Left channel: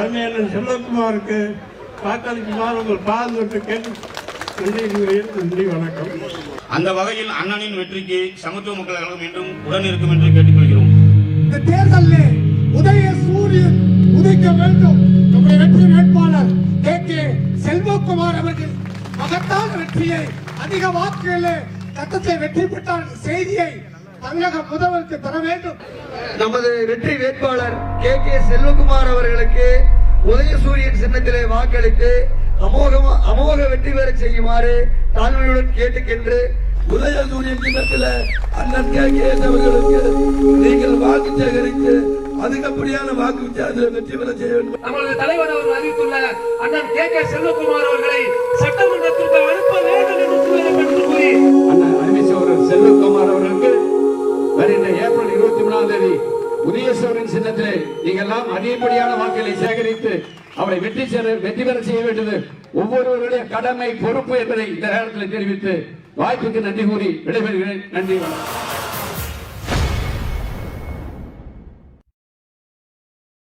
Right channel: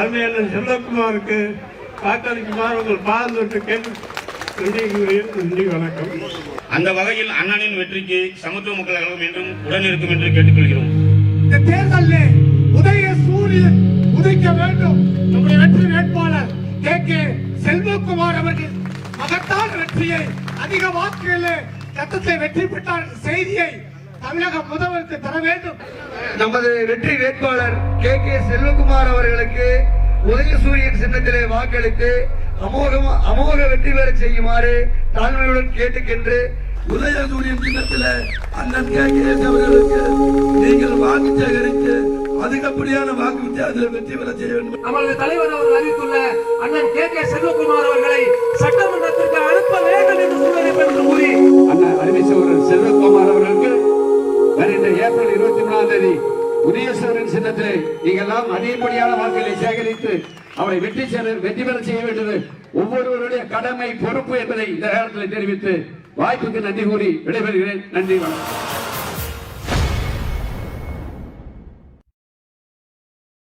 அருமையான செல்வகுமாருக்கு வாக்களிக்குமாறு உங்கள் பால் தொட்டு கேட்டு நன்றி வணக்கம். அந்த வகையில் அண்ணனின் வெற்றிக்கு சமத்துவ மக்கள் கழகம் மீண்டும் உடன் இருக்கும் என்று கேட்டுக்கொள்கிறோம். இந்த தேர்தலில் உதய சூரியன் உதிக்க வேண்டும். நம்முடைய வெற்றி வேட்பாளர் கே செல்வகுமார் அவர்கள் மகத்தான வெற்றியை அதிக வாக்குகளில் சட்டத்தை வெற்றி பெற்றார் செய்தியை தமிழக முதல்வருக்கு தர வேண்டும். நமது வெற்றி வேட்பாளர் கே செல்வகுமார் அவர்களுக்கு உதயசூரியன் சின்னத்திலே வாக்களித்து அமோக வெற்றி பெற செய்யுமாறு தாழ்மையுடன் கேட்டுக்கென்று உதயசூரியன் சின்னத்தில் அண்ணன் கே அவர்களுக்கு நீங்கள் வாக்கு சேகரித்து அதிகப்படியான வாக்கு வித்தியாசத்தில் வெற்றி பெற செய்ய வேண்டும். நமது தலைவர் அவர்கள் அறிவித்துள்ள அண்ணன் கே செல்வகுமார் அவர்களை சட்டமன்றத்திற்கு அனுப்ப வேண்டும் என்று சூழலை கூறி அண்ணன் அருமை சகோதரர் செல்வகுமார் அவர்களுக்கு வருகின்ற ஏப்ரல் 23 உதயசூரியன் சின்னத்திலே நீங்கள் எல்லாம் அதிகப்படியான வாக்குகளை சேகரித்து அவரை வெற்றி பெற செய்ய வேண்டியது ஒவ்வொருவருடைய கடமை பொறுப்பு என்பதை இந்த நேரத்தில் தெரிவித்து வாய்ப்புக்கு நன்றி கூறி விடைபெறுகிறேன். நன்றி.